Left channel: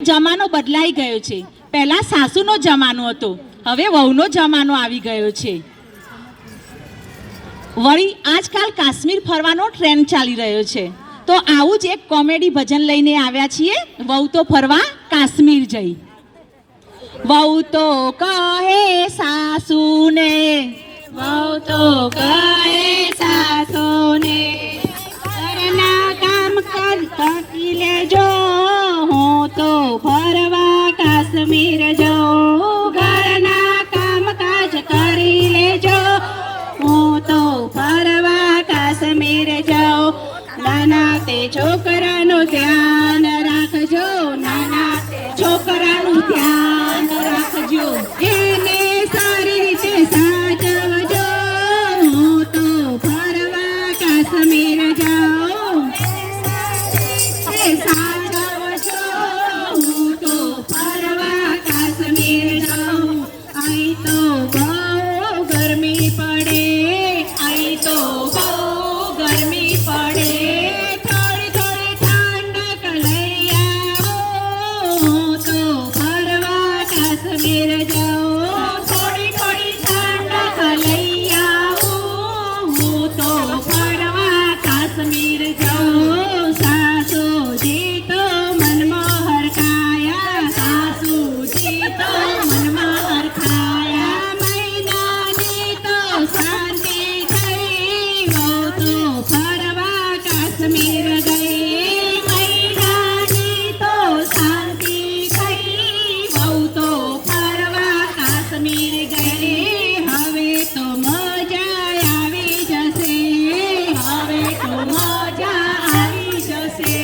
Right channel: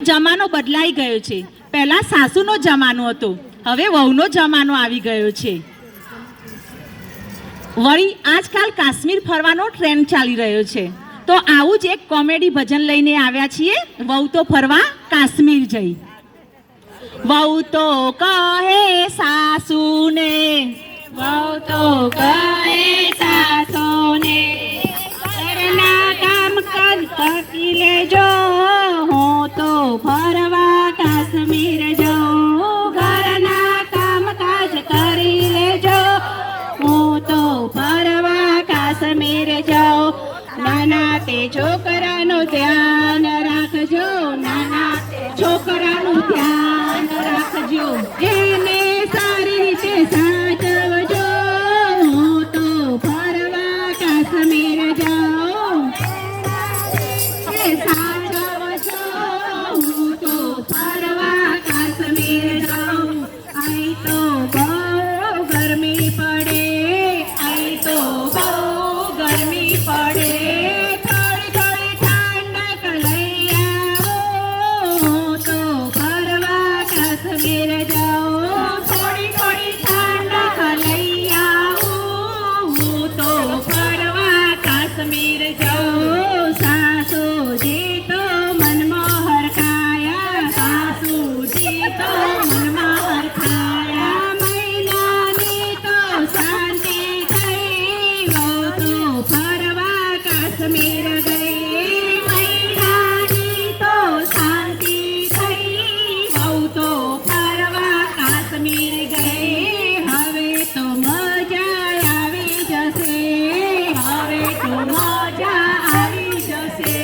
જમાનો બદલાઈ ગયો છે। પહેલા સાસુનો જમાનો હતો, હવે વહુનો જમાનો આવી ગયો છે। વળી આજકાલ કાશ્મીર ફરવાનો ટ્રેન્ડ ચાલી રહ્યો છે, તો આવું જ એક કોમેડી ભજન લઈને આવ્યા છીએ। વહુ તો ફરવા કાશ્મીર જઈ। વહુ તો કહે સાસુને, વહુ તો કહે સાસુને, ઘરના કામ કાજ થાકી લેજો, હું તો ફરવા કાશ્મીર જાઉં। ઘરના કામ કાજ કરી લેજો, હું તો ફરવા કાશ્મીર જાઉં। નાના તે છોકરાનું ધ્યાન રાખજો, નાના છોકરાનું ધ્યાન રાખજો, એને સારી રીતે સાચવજો, હું તો ફરવા કાશ્મીર જાઉં। એ સાચવજો, હું તો ફરવા કાશ્મીર જાઉં। અહીં તો બહુ ગરમી પડે, અહીં તો બહુ ગરમી પડે, થોડી થોડી ઠંડક લઈ આવો, હું તો ફરવા કાશ્મીર જાઉં। થોડી થોડી ઠંડક લઈ આવું, હું તો ફરવા કાશ્મીર જાઉં। સાસુજી તો મનમાં હરખાયા, સાસુજી તો મનમાં હરખાયા, મહિનાની તો શાંતિ થઈ, વહુ તો ફરવા કાશ્મીર ગઈ। મહિનાની તો શાંતિ થઈ, વહુ તો ફરવા કાશ્મીર ગઈ। હવે તો મજા આવી જશે, હવે તો મજા આવી જશે,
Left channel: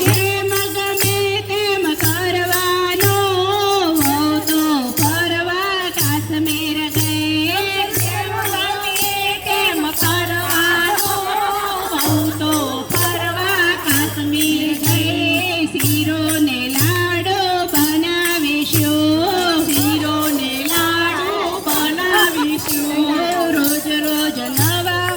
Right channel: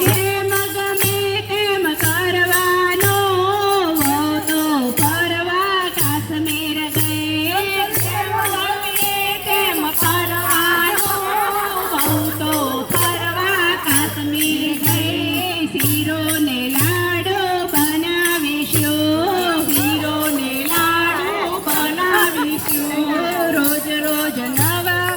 જેમ ગમે તેમ કરવાનું, વહુ તો ફરવા કાશ્મીર ગઈ। જેમ ગમે તેમ કરવાનું, વહુ તો ફરવા કાશ્મીર ગઈ। શીરો ને લાડુ બનાવીશું, શીરો ને લાડુ બનાવીશું, રોજ રોજ નવા,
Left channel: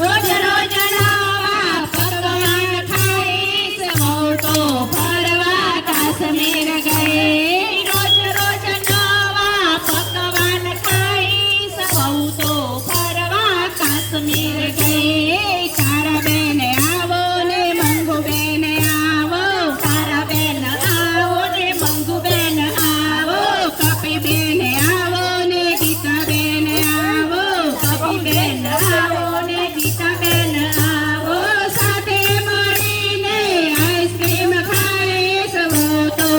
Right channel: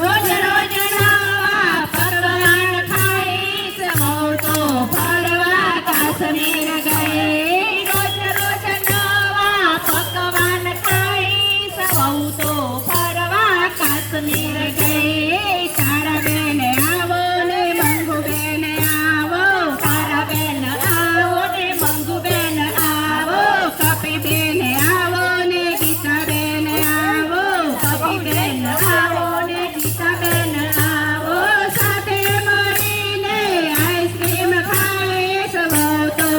રોજ રોજ નવા પકવાન ખાઈશ, વહુ તો ફરવા કાશ્મીર ગઈ। રોજ રોજ નવા પકવાન ખાઈશ, વહુ તો ફરવા કાશ્મીર ગઈ। તારા બેન આવો ને મંગુ બેન આવો, તારા બેન આવો ને મંગુ બેન આવો, કપી બેન આવો ને ગીતા બેન આવો, કપી બેન આવો ને ગીતા બેન આવો, સાથે મળીને આઈસ્ક્રીમ ખાઈશ, વહુ તો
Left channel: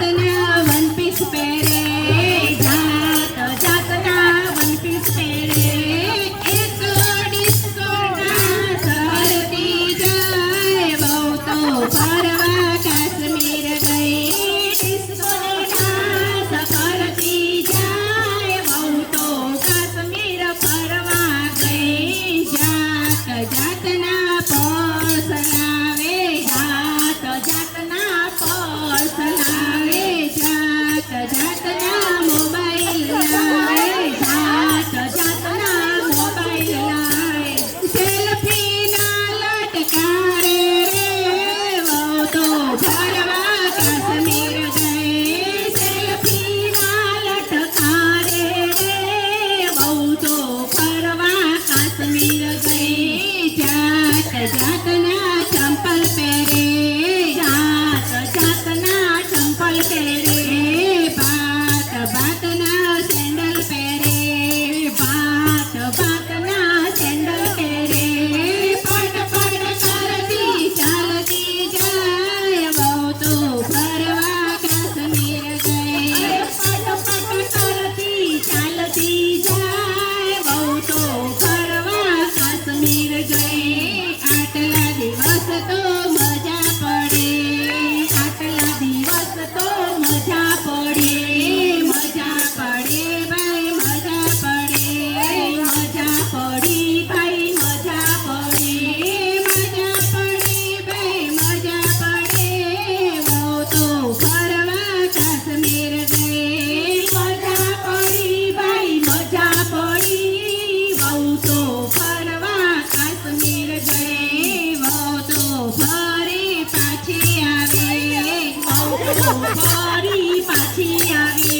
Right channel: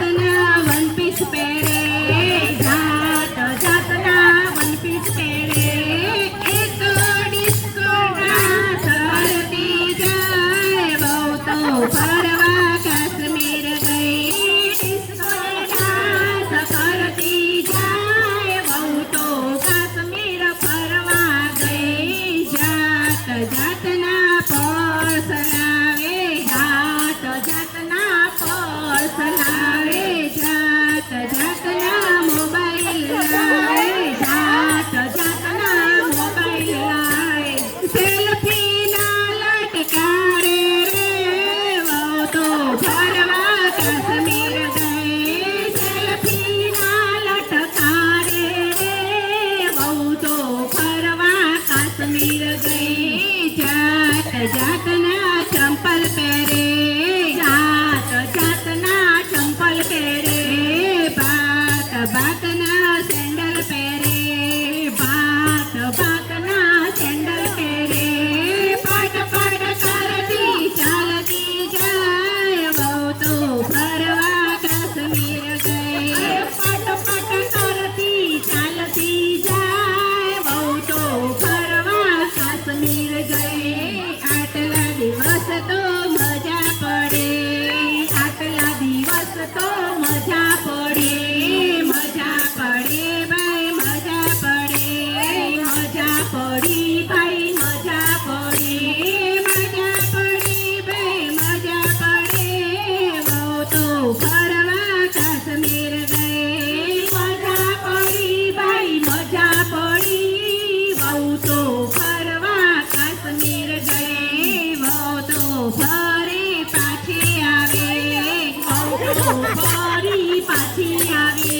જાતના વન પીસ પહેરે, જાત જાતના વન પીસ પહેરે. એક ડિસ્કોના સરતી જાય, વહુ તો ફરવા કાશ્મીર ગઈ. ડિસ્કોના સરતી જાય, વહુ તો કાશ્મીર ફરવા ગઈ. જાત જાતના પર્સ લાવે, જાત જાતના પર્સ લાવે, જાત જાતના મોબાઈલ લાવે, જાત જાતના મોબાઈલ લાવે. સેલ્ફીના લટકારે રે, વહુ તો ફરવા કાશ્મીર ગઈ. સેલ્ફીના લટકારે રે, વહુ તો ફરવા કાશ્મીર ગઈ. જાત જાતના ચંપલ પહેરે, જાત જાતના ચંપલ પહેરે, ભાત ભાતના સેન્ડલ પહેરે, ભાત ભાતના સેન્ડલ પહેરે. પટ પટ કરતી ચાલતી જાય, વહુ તો ફરવા કાશ્મીર ગઈ. પટ પટ કરતી ચાલતી જાય, વહુ તો ફરવા કાશ્મીર ગઈ. આટલા દિવસ તો મજા પડે, આટલા દિવસ તો મજા પડે, મજા પડે ભાઈ મજા પડે, મજા પડી ભાઈ મજા પડી, મજા પડી ભાઈ મજા પડે. વહુ તો ફરવા કાશ્મીર ગઈ. મજા પડી ભાઈ મજા પડી, વહુ તો ફરવા કાશ્મીર ગઈ. વહુ તો ફરી પાછી આવે, વહુ તો ફરી પાછી આવે.